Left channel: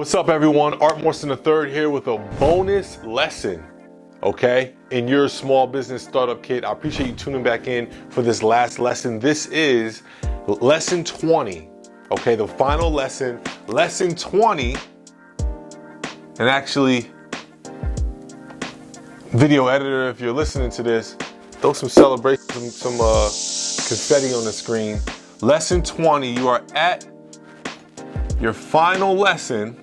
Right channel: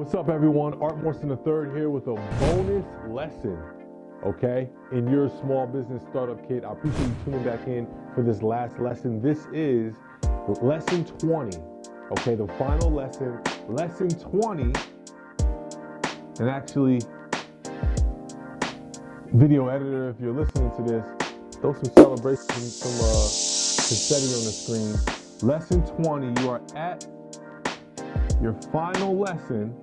What's up, everyone? Art Morrison III here with a bonus lesson, okay, in your small business startup kit. I appreciate you tuning back in for this last lesson. This is lesson 20, okay, the final lesson, lesson 20. And actually, video editor, if you're listening to this, throw some celebration, some confetti on the screen. Lesson 20, you are at your final lesson,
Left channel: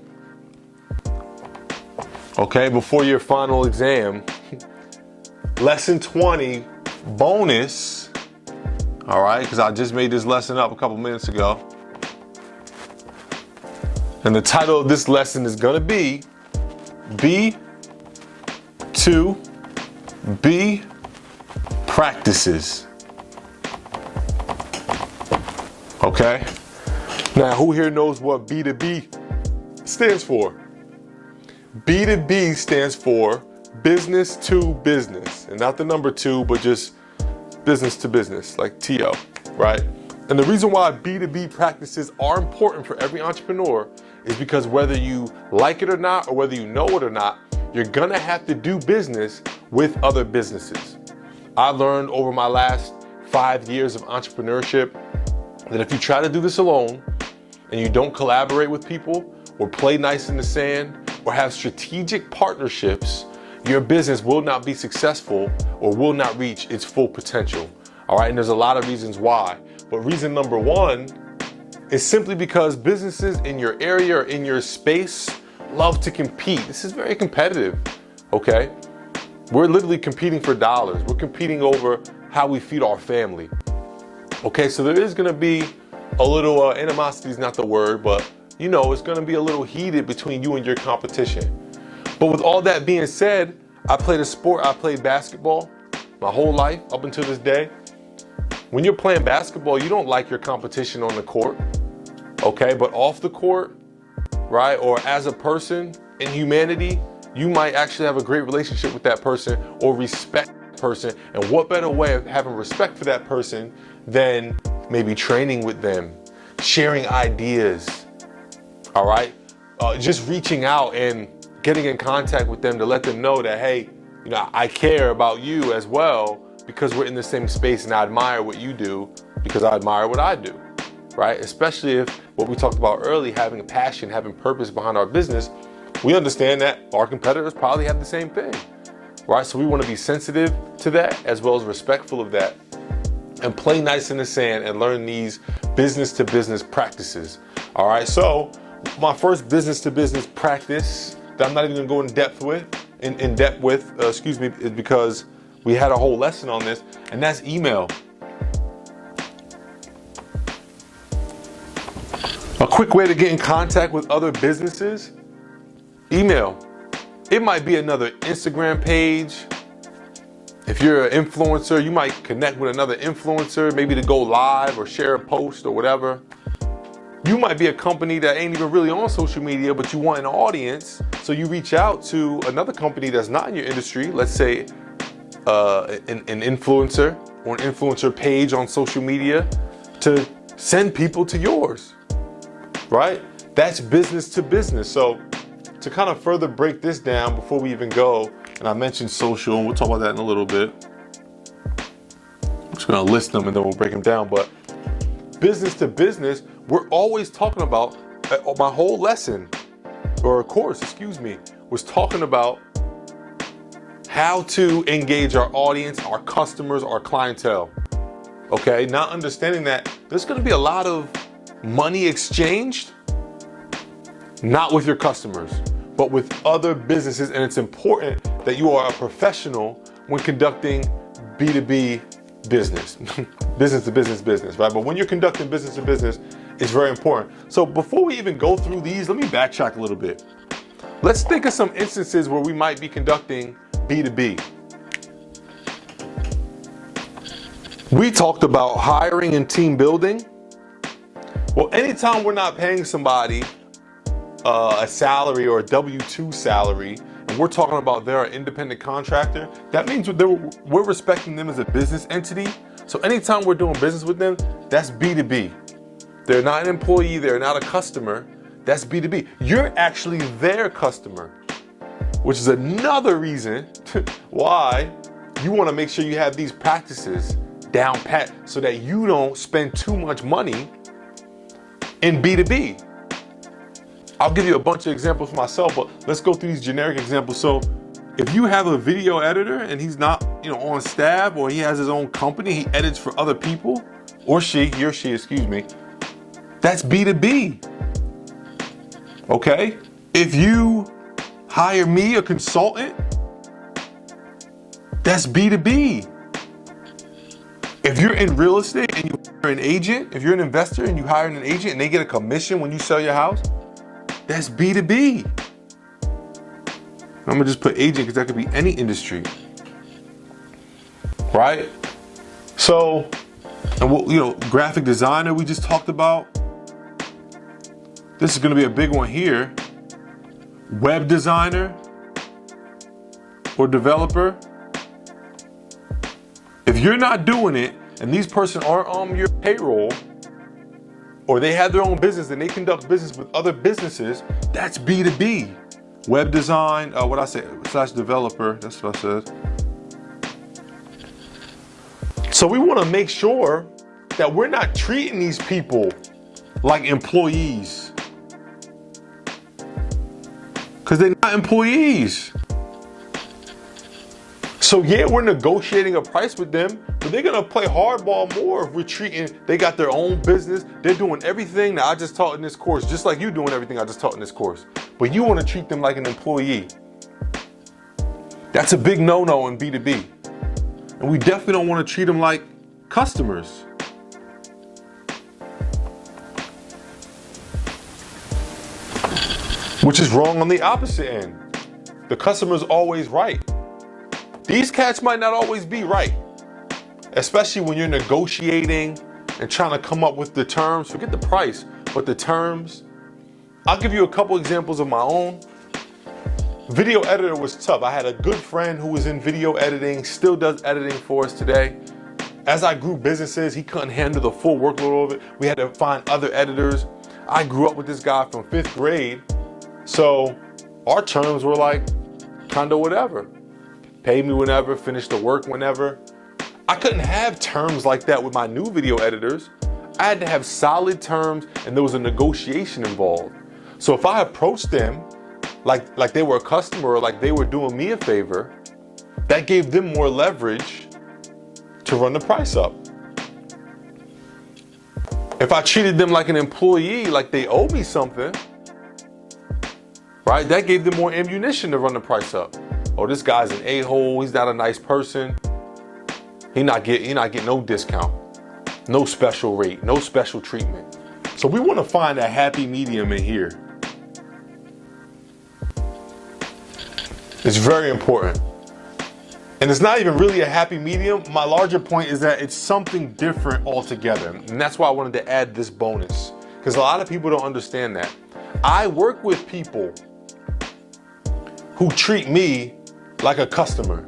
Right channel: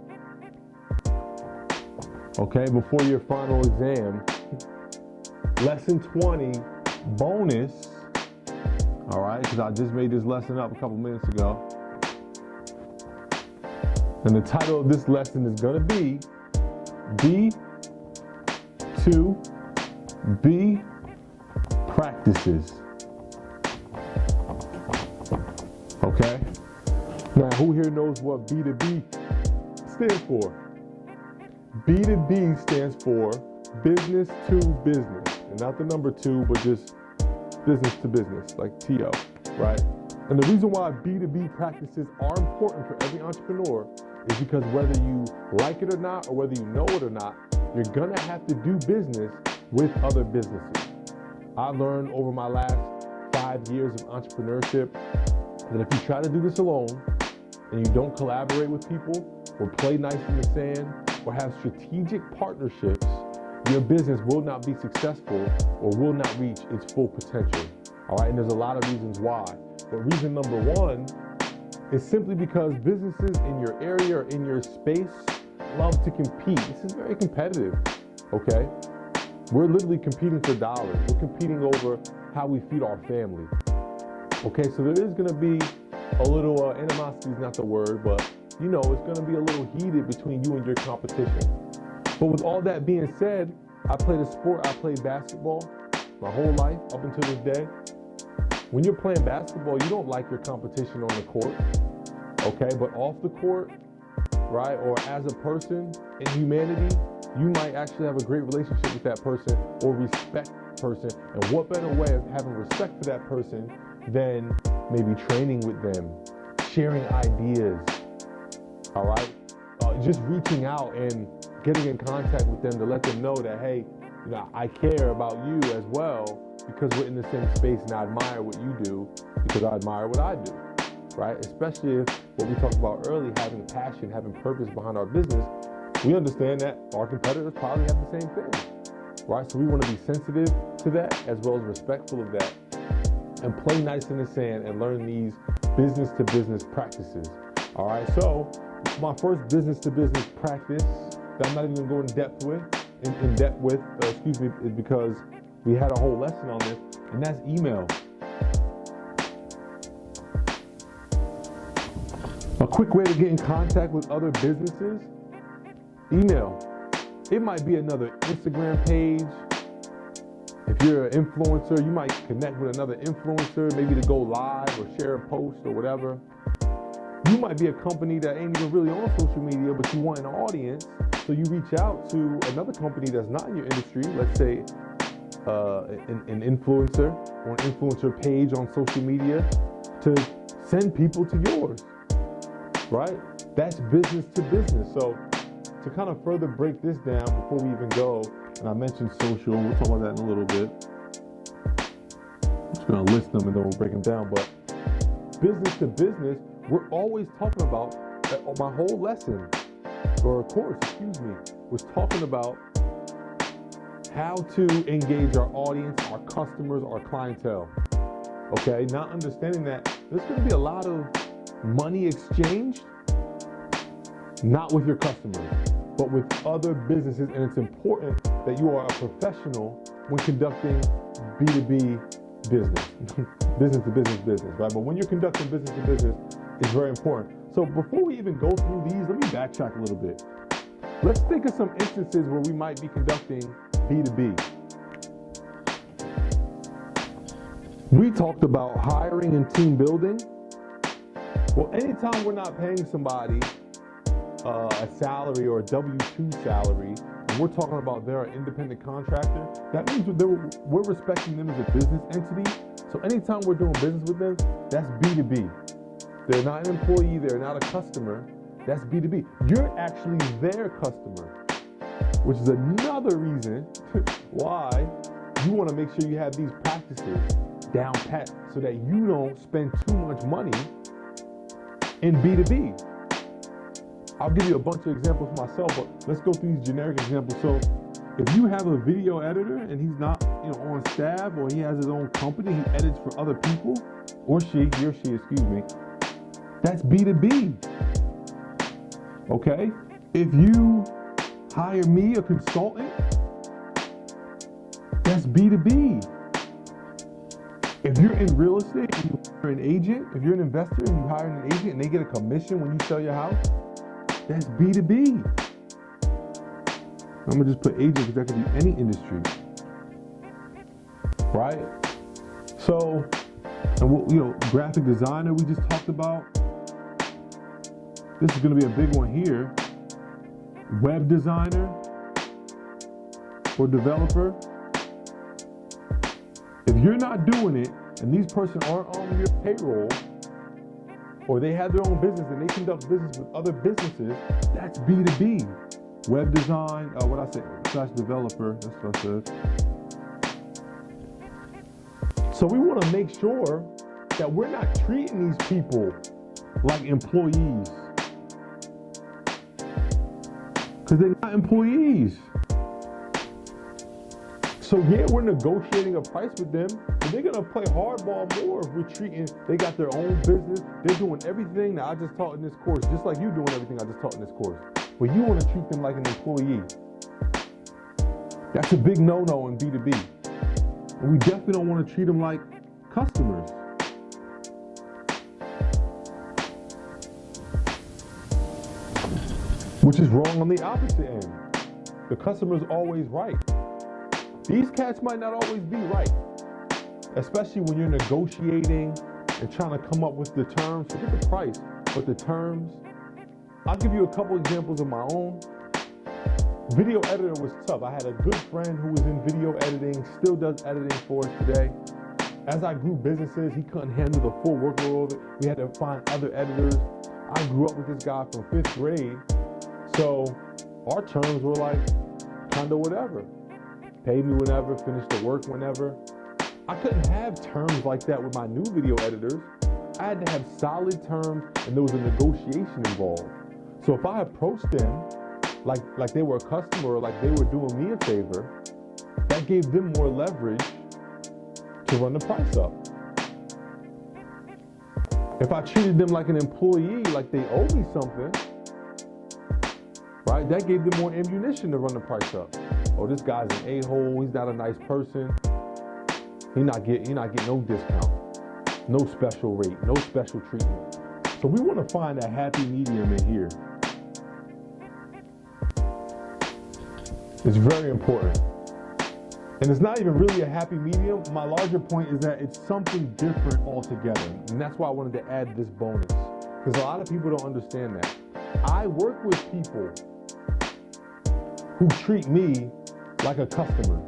okay, before your final exam. Lesson 20 bonus, all right, because I just made this lesson up a couple minutes ago. And the title of this lesson is gonna be B2B practices, okay? Now, who here knows what B2B stands for? B2B stands for business to business, and not the number two, but just business to business, like TO, right? And the reason why B2B practices are important for every entrepreneur is because whether you like it or not, or whether you know it or not, you're gonna have to do business with other businesses. I learned over my last 5 years of entrepreneurship that if you try to do this alone, and you don't collaborate with people or play nice in the sand or have strategic partnerships, your business will not be successful or will not reach its full potential. All right, and there's a lot of reasons why. But reason number one is simply because businesses in your area or in your space love to compete. This is very competitive, okay? We're literally competing for dollars. We're competing over how we feed our family. Okay, so there is gonna be a little animosity is not the word, but you know, it's gonna be a little heated between you and your competition. But with all that being said, I played a sport, I played basketball my whole life up until this day. When you're playing basketball, you don't like your competition on the court, okay? But off the court, right, or as a person in humanity, you might actually have a great relationship with that person or respect that person. And what better way of having respect for that person than maybe training with them, sharing ideas, all right? Just reaching out and getting in contact with them to let them know that, hey, you know, I care about you as well because we're in the same space and I admire what you do because I admire what I do, right? Especially if what we talked about early, having a passion, having purpose behind our business, we understand that our competitors probably have the same thing, right? So we want to be sensitive to that as well as respectful of that, and play nice in the sand and learn these business to business practices. All right, so my first business to business practice that I'm not even gonna go in depth with, is because we had a whole lesson on this, and that's email. A quick way to get in contact with other businesses, email. It might be another Instagram page. If you're an influencer, you might connect with another influencer, maybe to go live or share a post or whatever. You might be a company that ain't even really on social media, but you want an audience. So you reach out to another company that's not in your industry, let's say an influencer or an influencer page on social media, to send people to yours, right? That's business to business. So to kind of further break this down before we even go, and I mentioned social, we'll talk about that in a little bit. I'm just gonna list them and then we'll break them down. But business to business, we're always talking about, my whole lesson, or course, was talking about how to engage our audience, our customers, our clientele, okay? Not understanding that there's gonna be a lot of money exchanged, not with your customers, but with other businesses, and it's important that you are a professional when conducting B2B business, business to business, right? But when you're conducting business to business, it's very important. So before we even go through these, let me backtrack a little bit. Let's think of some instances where we might be conducting B2B. We talked about hiring and team building. Well, anytime we're not paying somebody a salary or a W-2 salary, and we're talking about they're an independent contractor, that means we're respecting them as a business entity. So anytime we're doing business with them, that's B2B. They're not an employee, they're not a customer, That's B2B. You're actually their customer, which is another reason why you want to make sure you have these practices down pat so that you don't spend too much money in B2B. I'll give you a bunch of examples for myself, but let's go through these generic examples. So if you have a video editor and he's not, on staff, or he has his own company, he edits for other people, or he or she, excuse me, that's B2B. Okay? If you hire me, a consultant, that's B2B. If you're in real estate and you hire an agent, if you're an investor and you hire an agent and they get a commission when you sell your house, that's B2B. I'm gonna just put agent because that could be any industry, right? So, and what, graphic designer we just talked about. This is gonna be a big one here. Web designer or developer. If you're not doing it and these person aren't on your payroll, or they have their own business and they conduct business with other businesses, that's B2B. Web design, / developer, that's what I said. So we want to make sure that we're not treating these people like employees, because they're not employees. So yeah, we're negotiating a price with them, but they're gonna play hardball more if we're treating, they got their own business, they're doing everything that I just taught in this course, just like you doing everything I just taught in this course. But you wanna treat them like an employee. That's a big no-no in B2B. And we definitely don't wanna treat them like customers. Which is wrong on the opposite end. The customer's always right. These cats might not always be right, especially when you're negotiating and trying to come up with the terms. Forget the price, but the terms. I'll give you a couple examples of my own. Video editor was tough. I had a good friend who was in video editing, still does editing for us today. As I grew businesses, he couldn't handle the full workload of it. We had to find other editors. I grew up with this guy from 5th grade, so our terms were like kind of whatever. Pay me whenever, finish the work whenever. I couldn't have terms like that with my new video editors. I had to have solid terms, and there was a negotiation involved. So if I approached them like they were a customer, or like they were doing me a favor, that gave them more leverage to run the price up. If I treated them like an employee, like they owe me something, right, that gave them more ammunition to run the price up. Oh, this guy's an a-hole, he's not a nice person. He not get no discount, no special rate, no special treatment. So we want to find a happy medium in here. It's very important. And it's not even really a happy medium. My larger point is that it's something different altogether. And that's why I wanted to add this bonus, because a lot of people don't understand that. I work with people who treat me like a customer.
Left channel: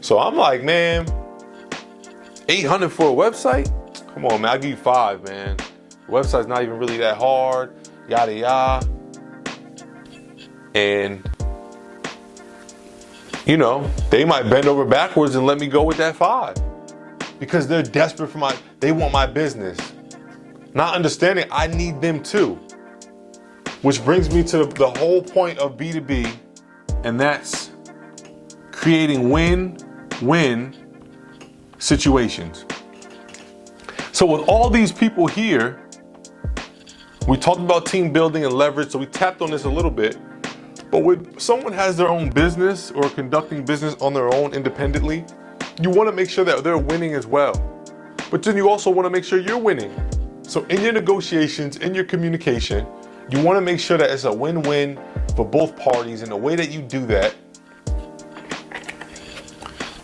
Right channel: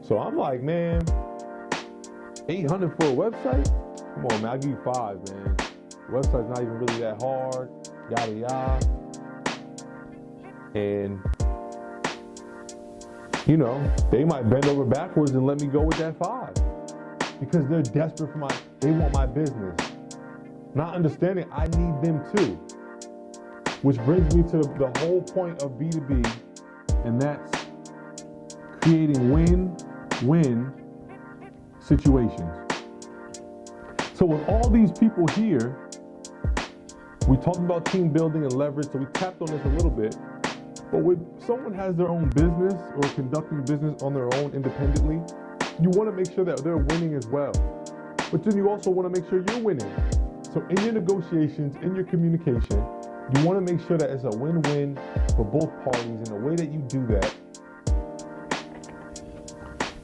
So I'm like, man, $800 for a website? Come on, man, I'll give you $5, man. Website's not even really that hard, yada yada. And they might bend over backwards and let me go with that $5 because they're desperate for they want my business. Not understanding I need them too. Which brings me to the whole point of B2B, and that's creating win-win situations. So with all these people here, we talked about team building and leverage, so we tapped on this a little bit. But when someone has their own business or conducting business on their own independently, you want to make sure that they're winning as well. But then you also want to make sure you're winning. So in your negotiations, in your communication, you want to make sure that it's a win-win for both parties. And the way that you do that,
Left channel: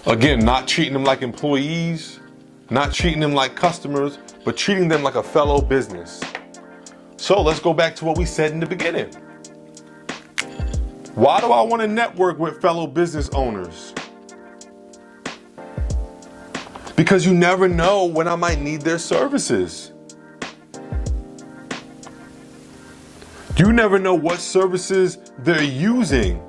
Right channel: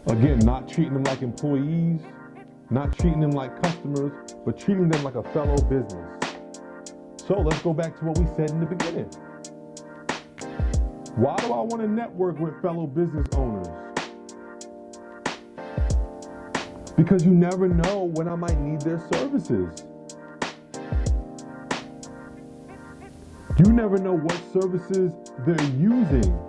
again, not treating them like employees, not treating them like customers, but treating them like a fellow business. So let's go back to what we said in the beginning. Why do I want to network with fellow business owners? Because you never know when I might need their services. You never know what services they're using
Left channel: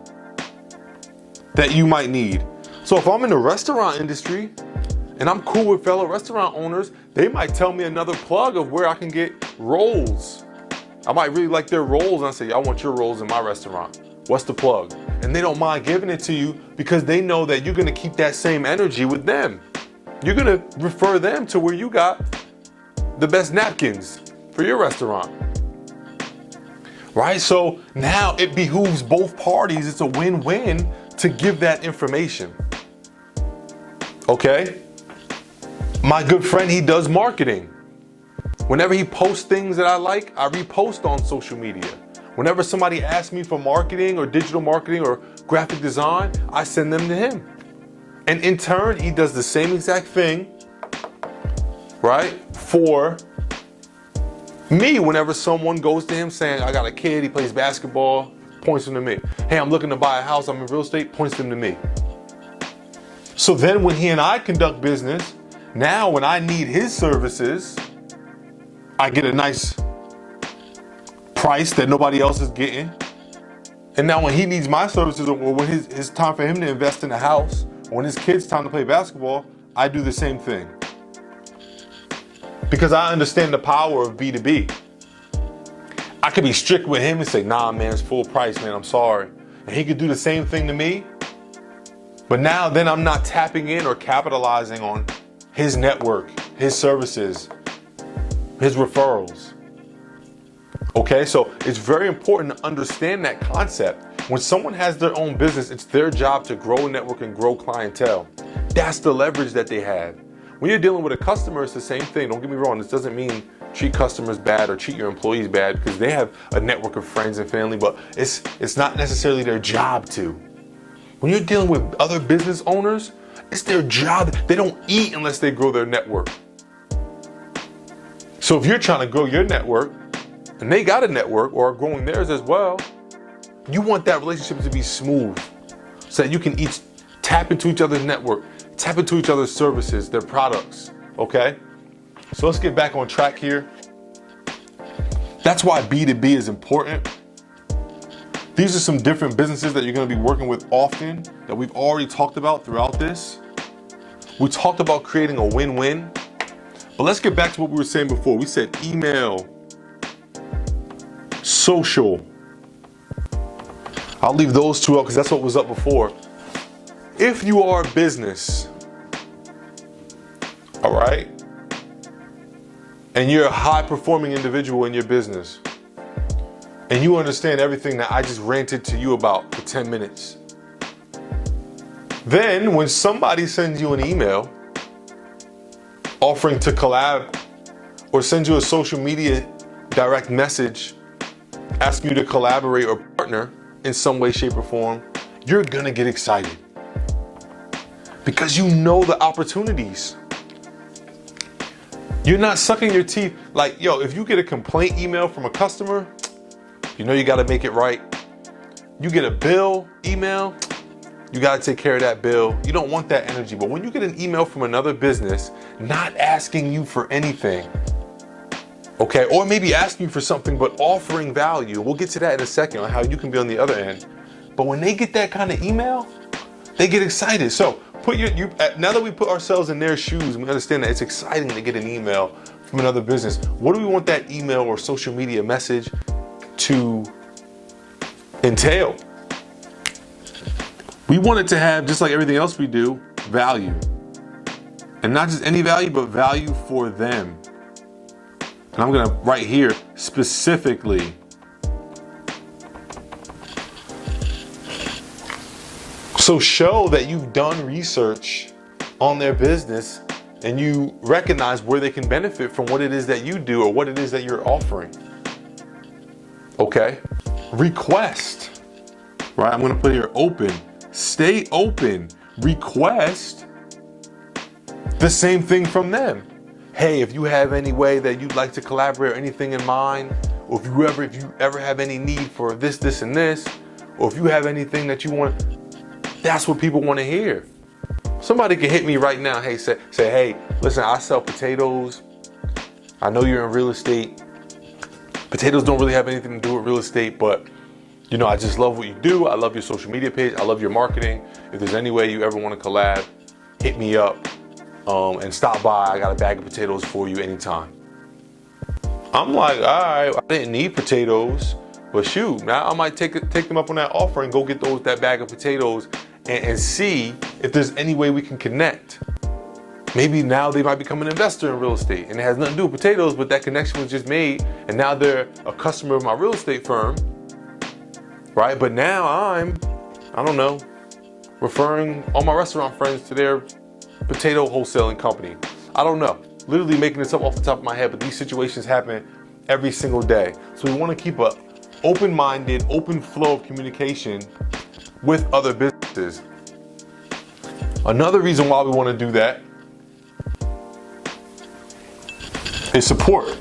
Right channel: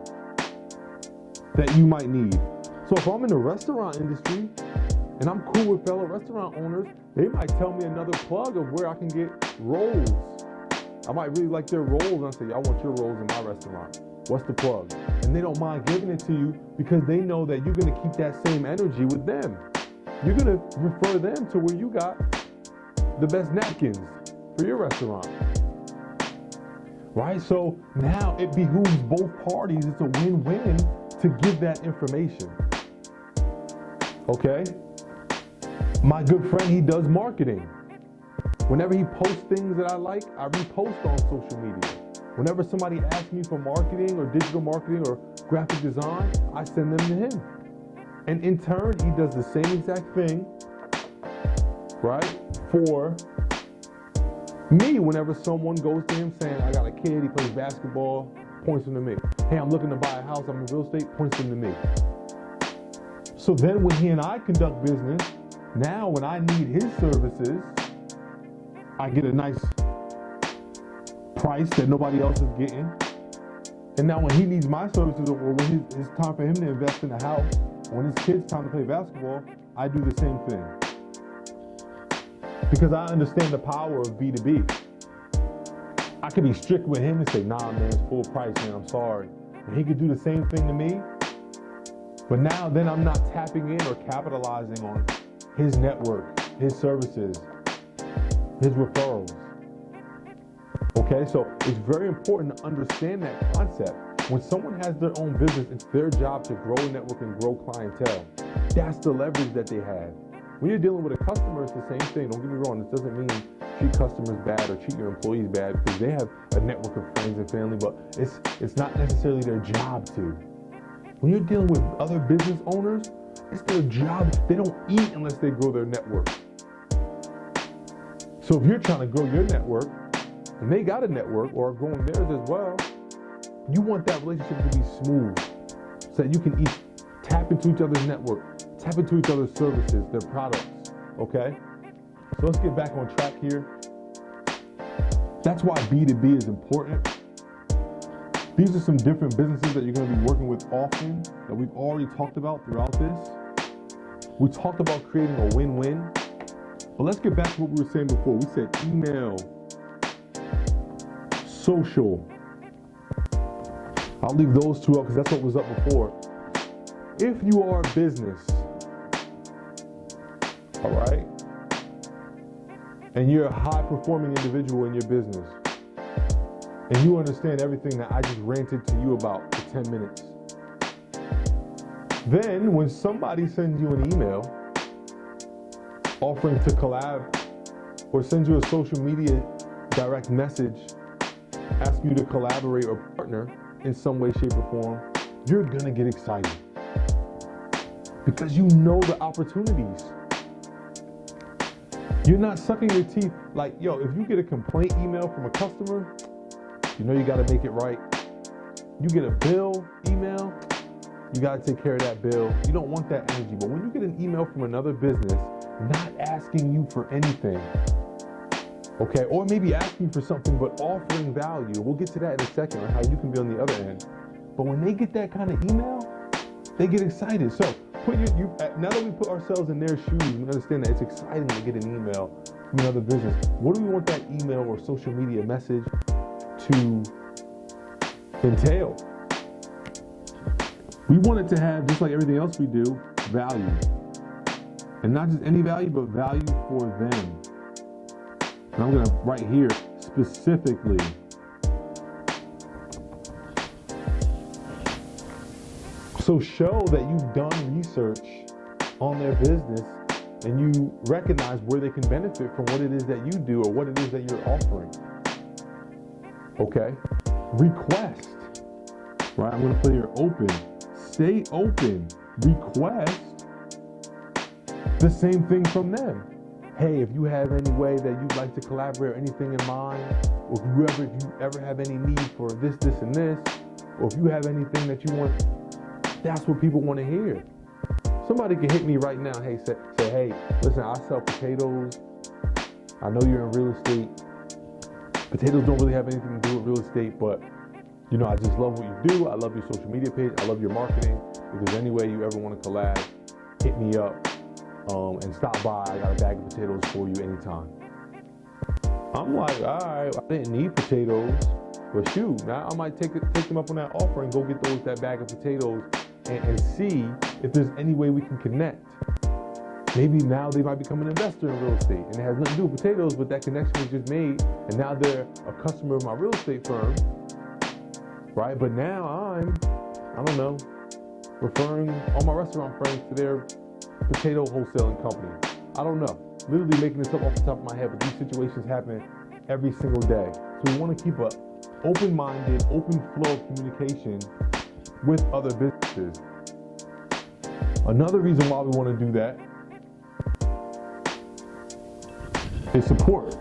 that you might need. So if I'm in the restaurant industry and I'm cool with fellow restaurant owners, they might tell me another plug of where I can get rolls. I might really like their rolls and I say, I want your rolls in my restaurant. What's the plug? And they don't mind giving it to you because they know that you're gonna keep that same energy with them. You're gonna refer them to where you got the best napkins for your restaurant. Right? So now it behooves both parties. It's a win-win to give that information. Okay? My good friend, he does marketing. Whenever he posts things that I like, I repost on social media. Whenever somebody asks me for marketing or digital marketing or graphic design, I send them to him. And in turn, he does the same exact thing, right, for me. Whenever someone goes to him saying, I got a kid, he plays basketball, points them to me. Hey, I'm looking to buy a house, I'm in real estate, points them to me. So then when he and I conduct business, now when I need his services, I get a nice price that nobody else is getting. And now when he needs my services, or when it's time for him to invest in a house, or when his kid's time to play basketball, I do the same thing. Because I understand the power of B2B. I could be strict with him and say, nah, man, it's full price, man, I'm sorry. And he could do the same thing to me. But now then I'm not tapping in or capitalizing on his network, his services, his referrals. Okay, so it's very important to understand that concept. When someone has their own business, it's their job to grow a network and grow clientele. That's the leverage that they have. When you're dealing with a customer, it's the same thing. Don't get me wrong, this doesn't mean treat customers bad or treat your employees bad, because they have a network of friends and family, but it's not necessarily their job to. When you're dealing with other business owners, it's their job. They don't eat unless they grow their network. So if you're trying to grow your network, and they got a network or are growing theirs as well, you want that relationship to be smooth so that you can each tap into each other's network, tap into each other's services, their products, okay? So let's get back on track here. That's why B2B is important. These are some different businesses that you're gonna be working with often that we've already talked about throughout this. We talked about creating a win-win, but let's get back to what we were saying before. We said email, social. I'll leave those two up because that's what was up before. If you are a business, all right, and you're a high-performing individual in your business, and you understand everything that I just ranted to you about for 10 minutes, then when somebody sends you an email offering to collab or sends you a social media direct message asking you to collaborate or partner in some way, shape, or form, you're gonna get excited because you know the opportunities. You're not sucking your teeth. Like, yo, if you get a complaint email from a customer, you know you gotta make it right. You get a bill email, you gotta take care of that bill. You don't want that energy. But when you get an email from another business not asking you for anything, okay, or maybe asking you for something but offering value, we'll get to that in a second on how you can be on the other end. But when they get that kind of email, they get excited. So now that we put ourselves in their shoes, we understand that it's exciting to get an email from another business. What do we want that email or social media message to entail? We want it to have, just like everything else we do, value. And not just any value, but value for them. And I'm gonna write here specifically. So show that you've done research on their business and you recognize where they can benefit from what it is that you do or what it is that you're offering. Okay? Request, right? I'm gonna put here open. Stay open. Request the same thing from them. Hey, if you have any way that you'd like to collaborate or anything in mind, or if you ever have any need for this, this, and this, or if you have anything that you want, that's what people want to hear. Somebody can hit me right now. Hey, say, hey, listen, I sell potatoes. I know you're in real estate. Potatoes don't really have anything to do with real estate, but you know, I just love what you do. I love your social media page. I love your marketing. If there's any way you ever want to collab, hit me up and stop by. I got a bag of potatoes for you anytime. I'm like, all right, I didn't need potatoes, but shoot, now I might take them up on that offer and go get that bag of potatoes and see if there's any way we can connect. Maybe now they might become an investor in real estate, and it has nothing to do with potatoes, but that connection was just made, and now they're a customer of my real estate firm, right? But now I don't know, referring all my restaurant friends to their potato wholesaling company. I don't know. Literally making this up off the top of my head, but these situations happen every single day. So we want to keep a open-minded, open flow of communication with other businesses. Another reason why we want to do that is support.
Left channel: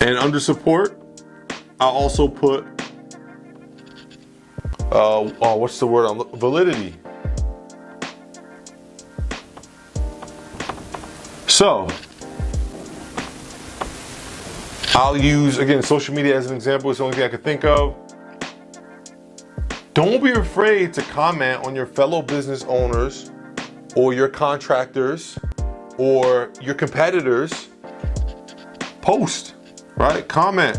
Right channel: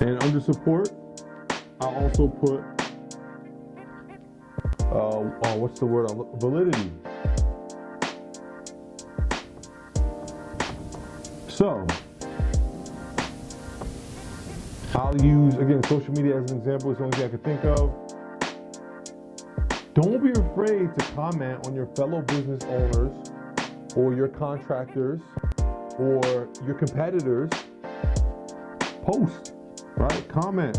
And under support, I also put, what's the word? Validity. So, I'll use, again, social media as an example. It's the only thing I could think of. Don't be afraid to comment on your fellow business owners or your contractors or your competitors' post, right? Comment.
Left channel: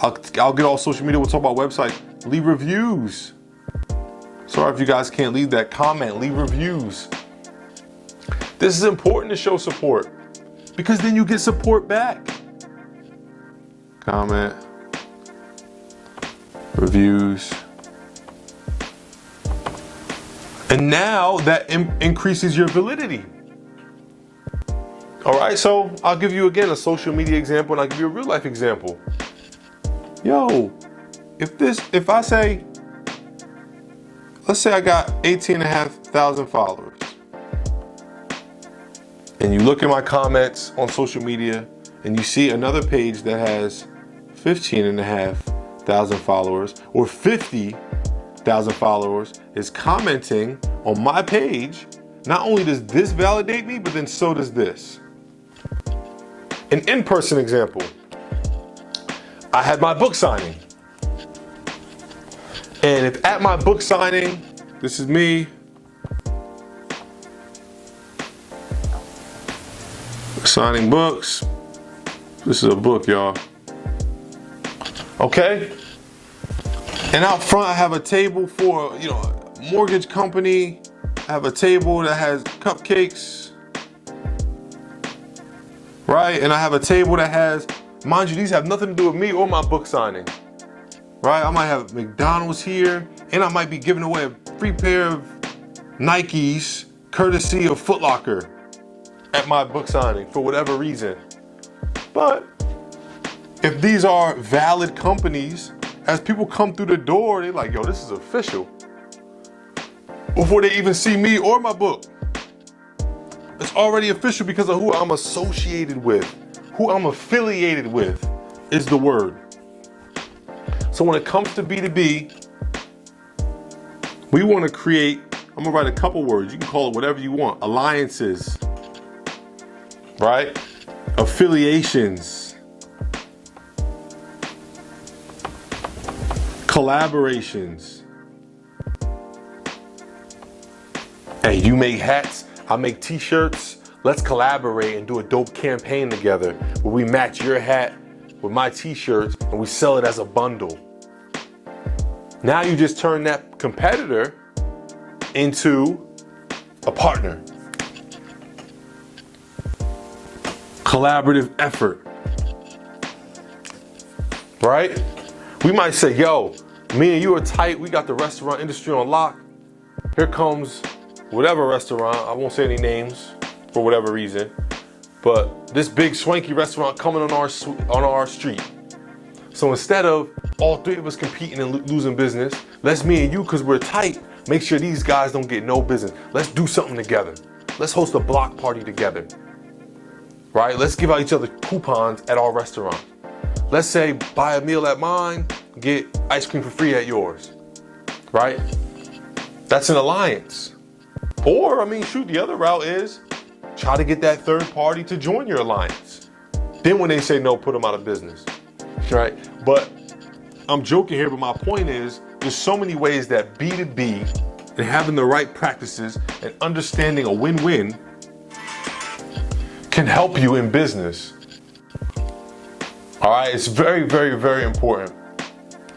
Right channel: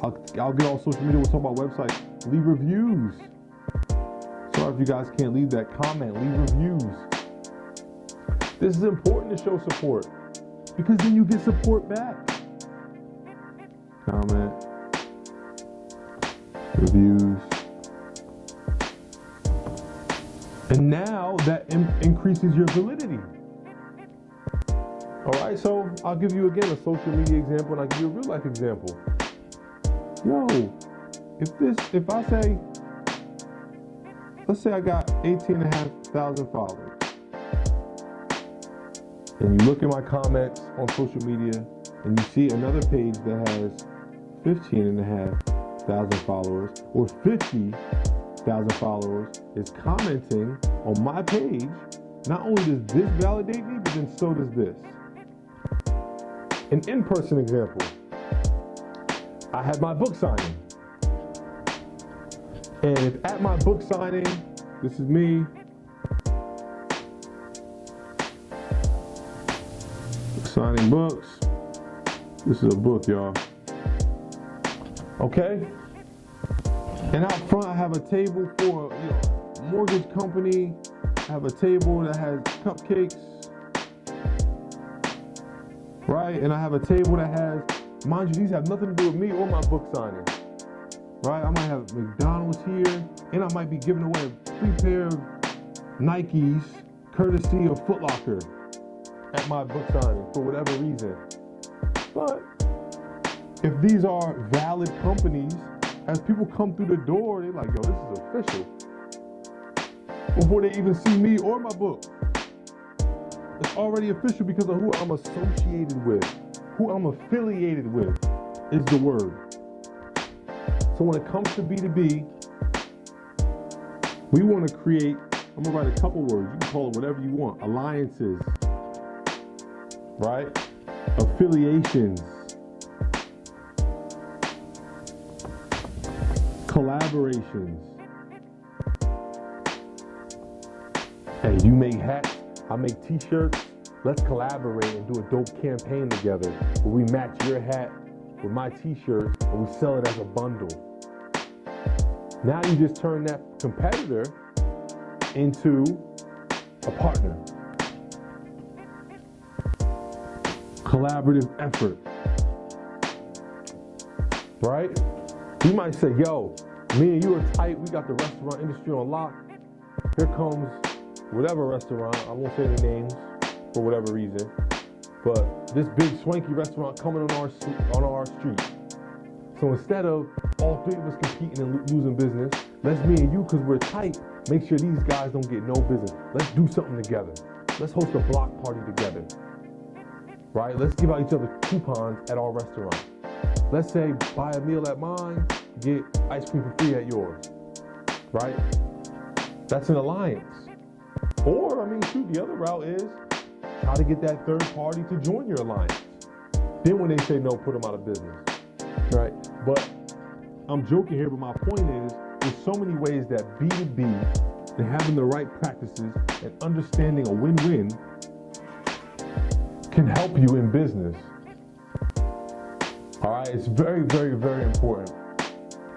I'll get all social media. We'll talk about website. Leave reviews. Sorry if you guys can't leave that. Comment, leave reviews. This is important to show support because then you get support back. Comment, reviews. And now that increases your validity. All right, so I'll give you again a social media example and I'll give you a real life example. Yo, if I say, let's say I got 18,500 followers. And you look at my comments on social media and you see another page that has 15,500 followers or 50,000 followers is commenting on my page. Not only does this validate me, but then so does this. An in-person example. I had my book signing. And if at my book signing, this is me, signing books. This is a book, y'all. Okay? And out front, I have a table for, a mortgage company. I have a table that has cupcakes. Right? And I have a table that has, mind you, these have nothing to do with me or my book signing. Right? I might have McDonald's here, and I might be giving away a free pair of Nikes, courtesy of Foot Locker, at my book signing for whatever reason. But if these are valid companies, as people come through the door, they're like, yo, this is official. Before they even see me or my book. It's already official because of who I'm associated with, who I'm affiliated with is the word. So when it comes to B2B, we want to create, I'm gonna write a couple words. You can call it whatever you want. Alliances. Right? Affiliations, collaborations. Hey, you make hats, I make t-shirts. Let's collaborate and do a dope campaign together where we match your hat with my t-shirts and we sell it as a bundle. Now you just turn that competitor into a partner. Collaborative effort, right? We might say, yo, me and you are tight. We got the restaurant industry on lock. Here comes whatever restaurant. I won't say any names for whatever reason, but this big swanky restaurant coming on our street. So instead of all three of us competing and losing business, let's me and you, because we're tight, make sure these guys don't get no business. Let's do something together. Let's host a block party together. Right? Let's give out each other coupons at our restaurant. Let's say buy a meal at mine, get ice cream for free at yours. Right? That's an alliance. Or, shoot, the other route is try to get that third party to join your alliance. Then when they say no, put them out of business, right? But I'm joking here, but my point is there's so many ways that B2B and having the right practices and understanding a win-win can help you in business. All right, it's very, very, very important.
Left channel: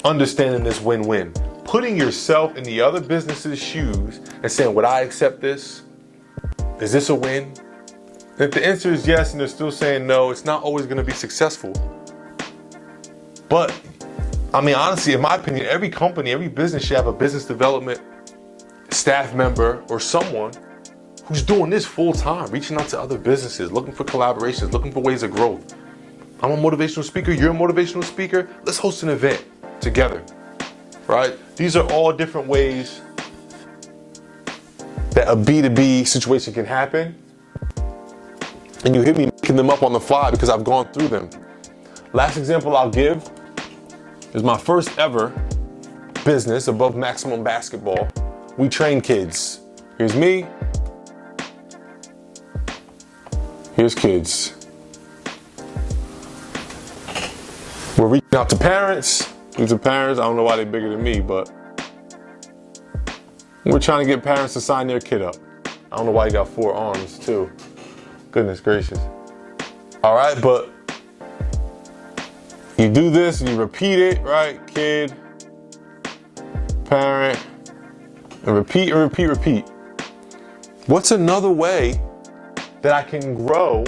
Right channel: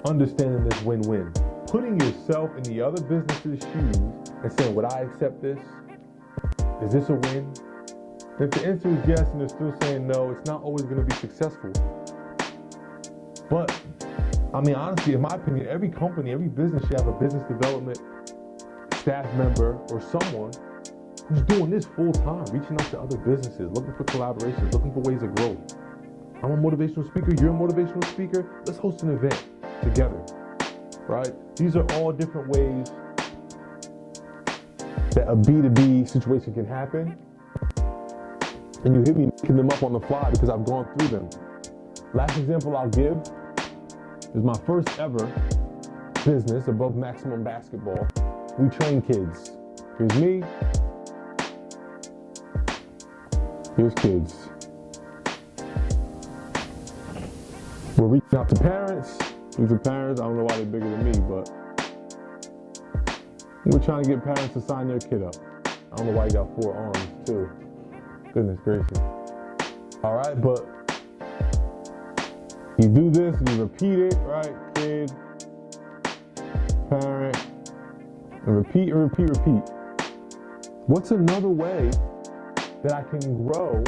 Understanding this win-win. Putting yourself in the other business's shoes and saying, would I accept this? Is this a win? And if the answer is yes and they're still saying no, it's not always gonna be successful. But, I mean, honestly, in my opinion, every company, every business should have a business development staff member or someone who's doing this full time, reaching out to other businesses, looking for collaborations, looking for ways of growth. I'm a motivational speaker, you're a motivational speaker, let's host an event together, right? These are all different ways that a B2B situation can happen. And you hear me making them up on the fly because I've gone through them. Last example I'll give is my first ever business, Above Maximum Basketball. We train kids. Here's me, here's kids. We're reaching out to parents. These are parents, I don't know why they're bigger than me, but we're trying to get parents to sign their kid up. I don't know why you got 4 arms too. Goodness gracious. All right, but you do this, you repeat it, right? Kid, parent, and repeat and repeat, repeat. What's another way that I can grow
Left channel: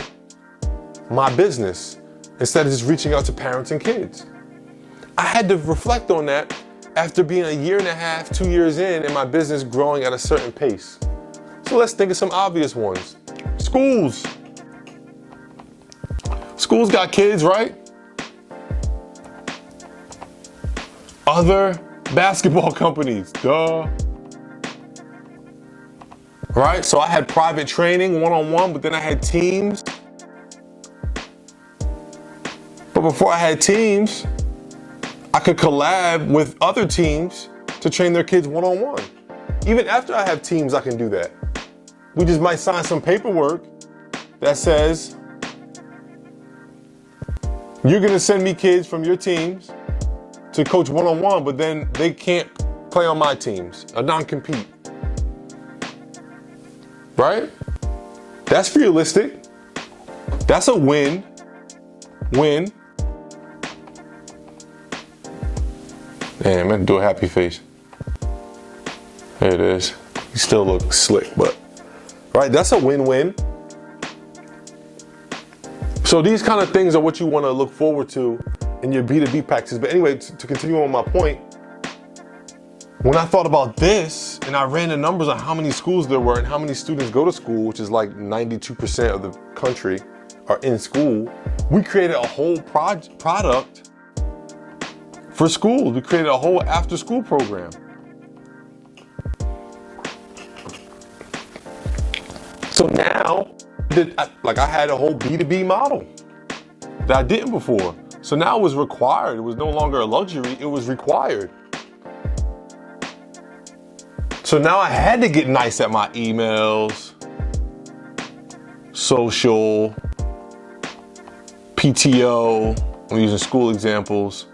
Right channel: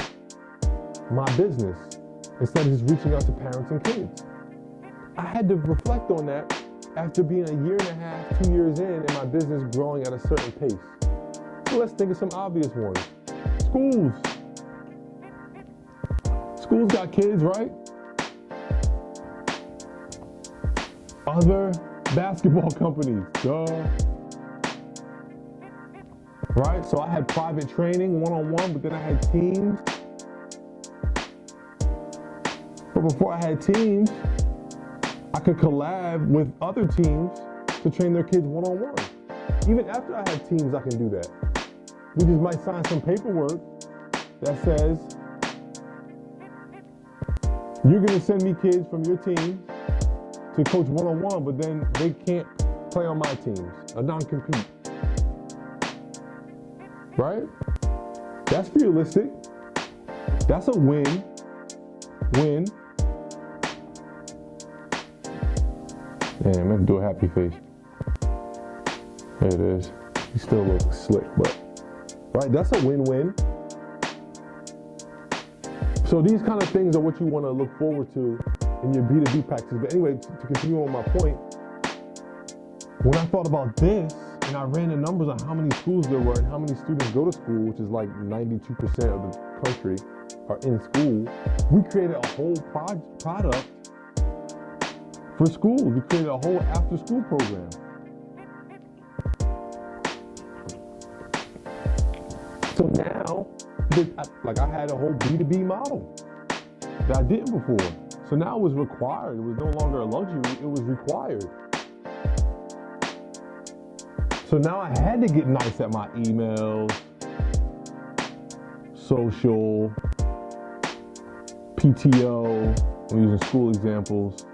my business instead of just reaching out to parents and kids? I had to reflect on that after being a year and a half, 2 years in, and my business growing at a certain pace. So let's think of some obvious ones. Schools. Schools got kids, right? Other basketball companies, duh. Right? So I had private training, one-on-one, but then I had teams. But before I had teams, I could collab with other teams to train their kids one-on-one. Even after I have teams, I can do that. We just might sign some paperwork that says, you're gonna send me kids from your teams to coach one-on-one, but then they can't play on my teams, a non-compete. Right? That's realistic. That's a win-win. Damn, I'm gonna do a happy face. There it is. You still look slick, but, right, that's a win-win. So these kind of things are what you wanna look forward to in your B2B practices. But anyway, to continue on my point, when I thought about this and I ran the numbers on how many schools there were and how many students go to school, which is like 92% of the country are in school, we created a whole product for schools. We created a whole after-school program. So now, I had a whole B2B model that I didn't before. So now it was required. It was no longer a luxury, it was required. So now I had to get nice at my emails, social, PTO, I'm using school examples.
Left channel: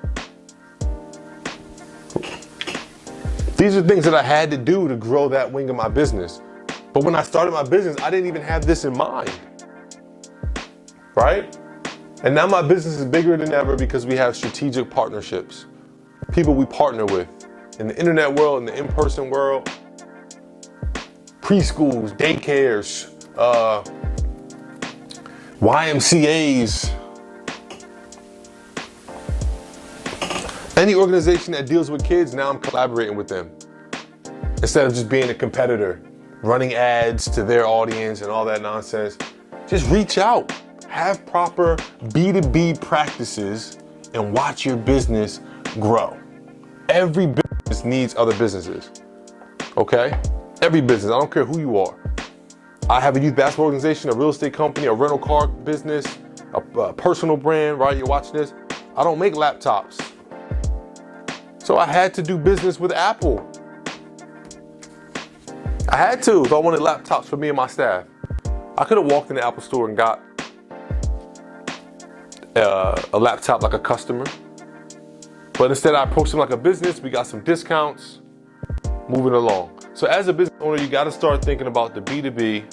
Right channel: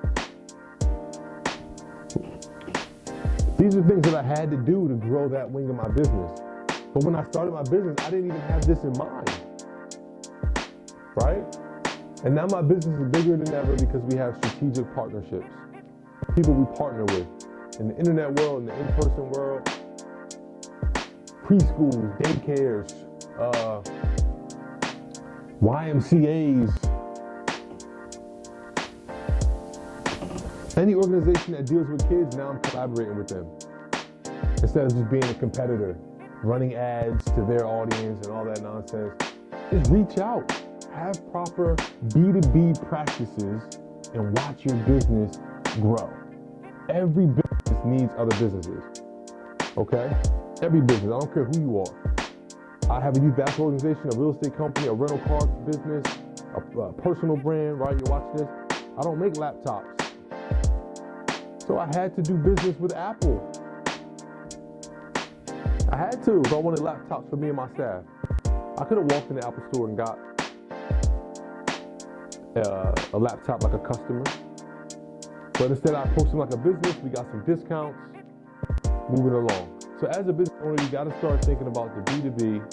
These are things that I had to do to grow that wing of my business. But when I started my business, I didn't even have this in mind, right? And now my business is bigger than ever because we have strategic partnerships. People we partner with in the internet world, in the in-person world, preschools, daycares, YMCAs, any organization that deals with kids, now I'm collaborating with them. Instead of just being a competitor, running ads to their audience and all that nonsense. Just reach out, have proper B2B practices and watch your business grow. Every business needs other businesses, okay? Every business, I don't care who you are. I have a youth basketball organization, a real estate company, a rental car business, a personal brand, right? You're watching this. I don't make laptops. So I had to do business with Apple. I had to if I wanted laptops for me and my staff. I could have walked in the Apple store and got a laptop like a customer. But instead I approach them like a business. We got some discounts, moving along. So as a business owner, you gotta start thinking about the B2B,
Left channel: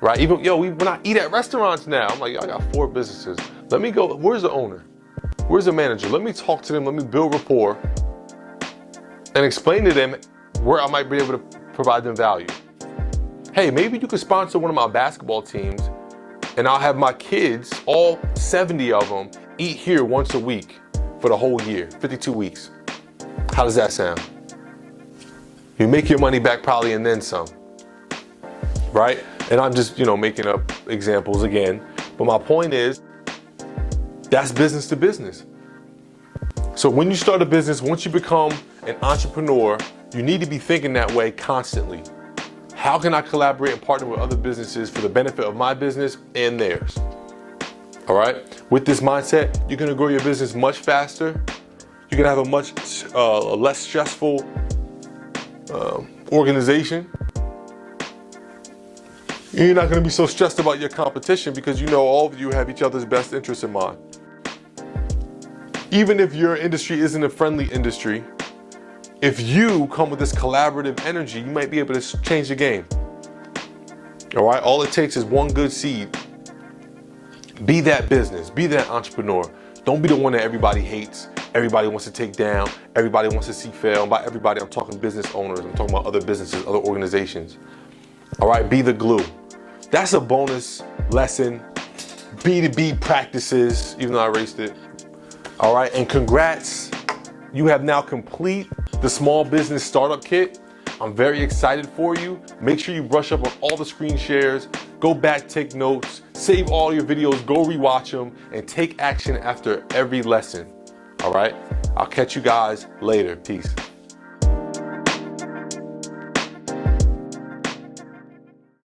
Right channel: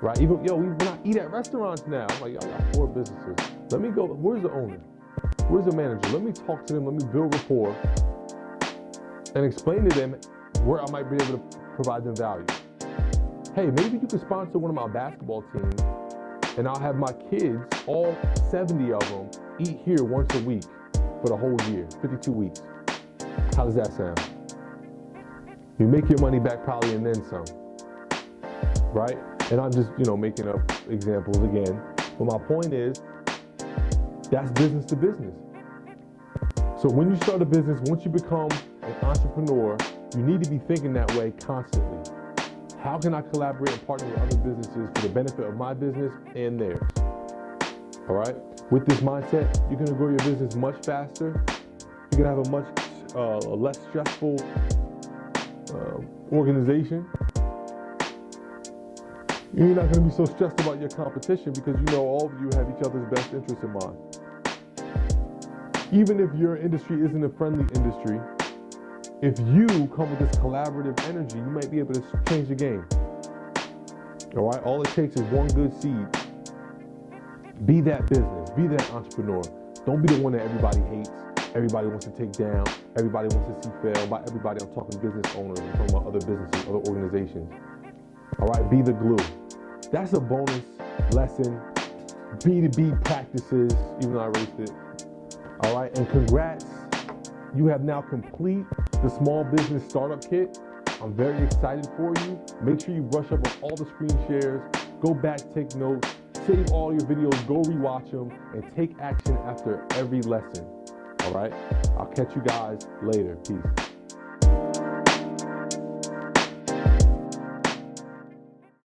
right? Even, when I eat at restaurants now, I'm like, yo, I got 4 businesses. Let me go, where's the owner? Where's the manager? Let me talk to them, let me build rapport and explain to them where I might be able to provide them value. Hey, maybe you could sponsor one of my basketball teams and I'll have my kids, all 70 of them, eat here once a week for the whole year, 52 weeks. How does that sound? You make your money back probably and then some, right? And I'm just, making up examples again. But my point is, that's business to business. So when you start a business, once you become an entrepreneur, you need to be thinking that way constantly. How can I collaborate and partner with other businesses for the benefit of my business and theirs? All right? With this mindset, you're gonna grow your business much faster. You're gonna have a much less stressful organization. You're not gonna be so stressed about your competition because you know all of you have each other's best interests in mind. Even if your industry isn't a friendly industry, if you come with this collaborative energy, you might be able to change the game. All right, all it takes is one good seed. Be that business, be that entrepreneur. Don't be the one that everybody hates, everybody wants to take down, everybody wants to see fail. And by everybody, I'm talking business owners, I'm talking about other businesses, other organizations. All right, be the glue. That's a bonus lesson. B2B practices, even though I erased it. All right, and congrats. You have now complete the small business startup kit. I'm very excited for you. Make sure you brush up on all the screen shares, go back, take notes, save all your videos, go rewatch them, and take action after every lesson. All right, I'll catch you guys later. Peace.